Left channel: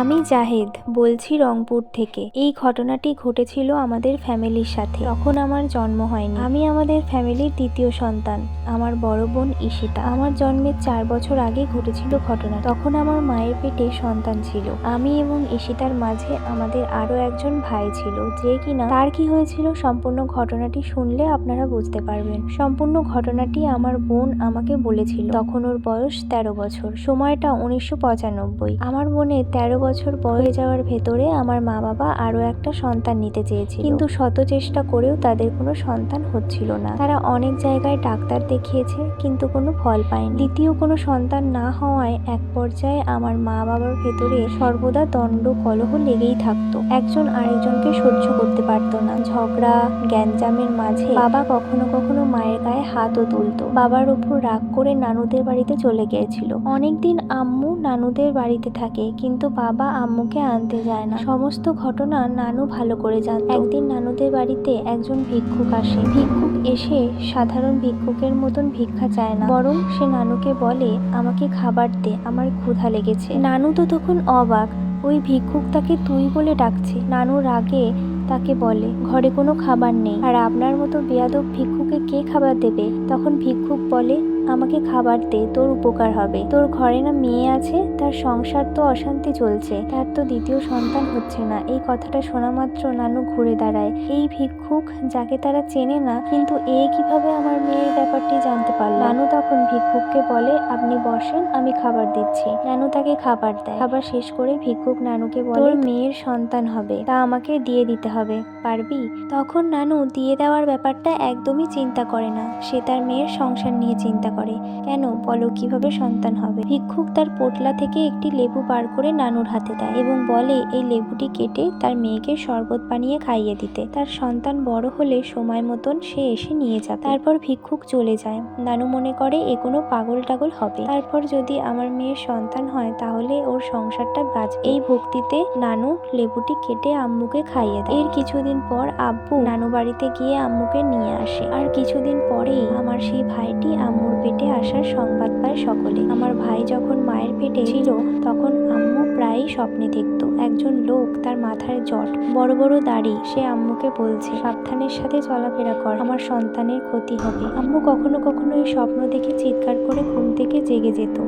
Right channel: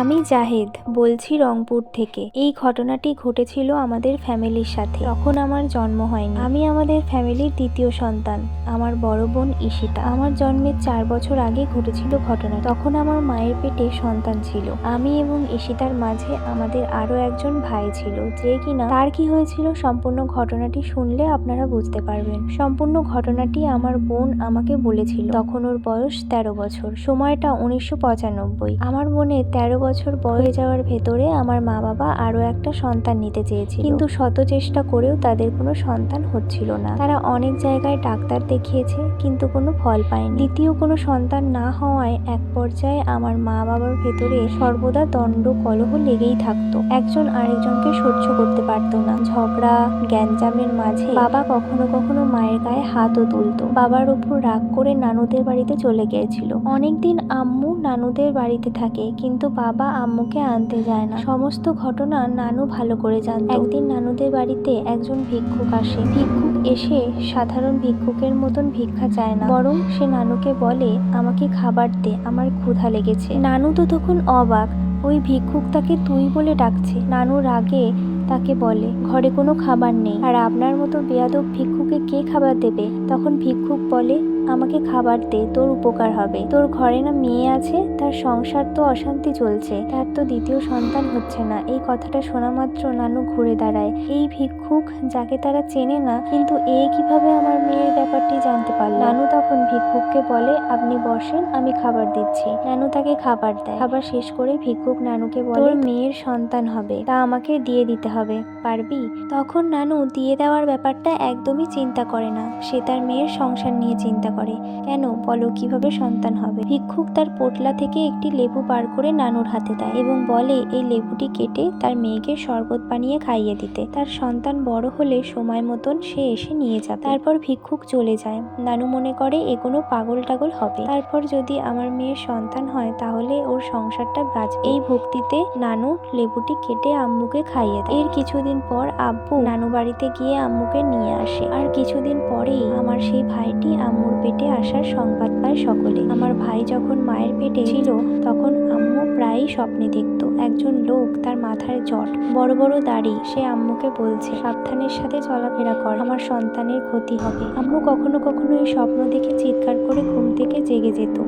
আমি জাহেদ বলছি রংপুর থেকে। এই ঘটনাটি ঘটেছিল আমাদের ফ্যামিলির সাথে। তখন আমার জন্ম হয়নি। আমি আমাদের ফ্যামিলির দ্বিতীয় সন্তান। আমার বড় বোন ঈশিতা। আমার জন্মের 4 বছর আগে ঘটেছিল ঘটনা। তখন আমার মায়ের পেটে সন্তান ছিল। আমি এবং ঈশিতার মাঝে আমাদের আরো একজন ভাই ছিল, যে কিনা তার কি হয়েছিল সম্পূর্ণ ঘটনাটি শুনলে আপনারা বুঝতে পারবেন। সম্পূর্ণ ঘটনাটি আমার বোন আমাকে বলেছিল। তখন ওর বয়স 13 বছর। সময়টা 1995। আমার বোনের 13 বছর বয়স যাওয়ার ভেতরে আমার মা বাবা আরো একটা সন্তান নিতে চেয়েছিল, কিন্তু শত চেষ্টা করেও তাদের কোনো সন্তান হচ্ছিল না। তারা অনেক জায়গায় ডাক্তার দেখিয়েছে, কিন্তু কোনো ফল পায়নি। দ্বিতীয় কোনো সন্তান না হওয়ায় এক পর্যায়ে আমার মা বাবার ভেতরে সর্বদা দ্বন্দ্ব কলহ লেগেই থাকতো। একজন আরেকজনকে সহ্য করতে পারতো না। ঝগড়া গ্যাঞ্জামের মাঝে বাবা কখনো কখনো মায়ের গায়ে হাতও তুলতো। বাবার উপর রাগ করে নানুদের বাড়িতে চলে গিয়েছিল। অনেকদিন আম্মু নানুদের বাড়িতে থাকে, কিন্তু বাবা আম্মুকে আনতে যায় না। সমস্ত ঘটনা নানু ভালো করে জানতো। একদিন নানুদের বাড়িতে একজন ভিক্ষুক আসে। ভিক্ষুক এসে সাধারণ ভিক্ষুকের মতন ভিক্ষা চায় না, বরং সে নানুকে বলে, আমাকে খাবার দে, আমার ক্ষুধা লেগেছে। নানু তো তখন অবাক, ওই ভিক্ষুক তাকে তুই বলে ডাকছে। নানু রাগে তাকে বলে, ঘরে কোনো খাবার নেই, আর আপনার মতো বেয়াদব ভিক্ষুকে কে খাবার দেবে? তখন ভিক্ষুক বলে, আমাকে খাবার দে, তোর উপকার হবে। তোর ঘরে না মেয়ে আছে, তার সংসার তো অশান্তি চলছে, তার তো দ্বিতীয় সন্তান হচ্ছে না। এই কথাটা শোনা মাত্র নানু ঘুরে দাঁড়ায়। এই ভিক্ষুক যাকে তারা চেনে না, কিন্তু এ কিভাবে আমার মেয়ের ব্যাপারটি জানতে পারল? নানু তখন ভিক্ষুককে বলে, আপনি বসেন, আমি খাবার দিচ্ছি। নানু তাকে খাবার দেয়। খাবার শেষ করে ভিক্ষুক নানুকে বলে, তোর মেয়ের সন্তান হবে, তা আমাকে দিয়ে দিতে হবে, পারবি? তখন নানু দিয়ে দেওয়ার ব্যাপারটা একদমই চিন্তা করে না। সে তার মেয়ের সংসার নিয়ে চিন্তা করে। কেন বলো, কিভাবে সন্তান হবে? ভিক্ষুক তার পোটলা থেকে একটি লেবু বার করে নানুর হাতে দেয় এবং বলে, এই লেবুটি কেটে তার মেয়েকে শরবত বানিয়ে খাইয়ে দিতে। তার সন্তান বড় হলে সময় মতন সে এসে নিয়ে যাবে। তারপর ভিক্ষুক চলে যায়। নানু মনে করে এ কোনো পাগল টাগল হবে। তারপর যদি আমার মেয়ের সন্তান হয় তাহলে ওর সংসারটা বাঁচবে। এই ভক্তিতে নানু লেবুটি কেটে আম্মুকে খাইয়ে দেয়। এর কিছুদিন পর আব্বু নানু বাড়িতে গিয়ে আম্মুকে নিয়ে আসে। আর কিছুদিন পরেই আমার সেই ভাইটি আম্মুর পেটে আসার সংবাদ পায় সকলে। আমার ভাই যখন মায়ের পেটে ছিল তখন আম্মু প্রায়ই স্বপ্নে দেখতো একজন লোক, তার মাথায় জট, বড় বড় দাড়ি। সে আম্মুকে বলছে, সাবধানের সাথে চলাফেরা কর, আমার সন্তানের ক্ষতি হবে। আম্মু কখনো কখনো এই স্বপ্ন দেখে চিৎকার করে ঘুম থেকে জেগে যেত।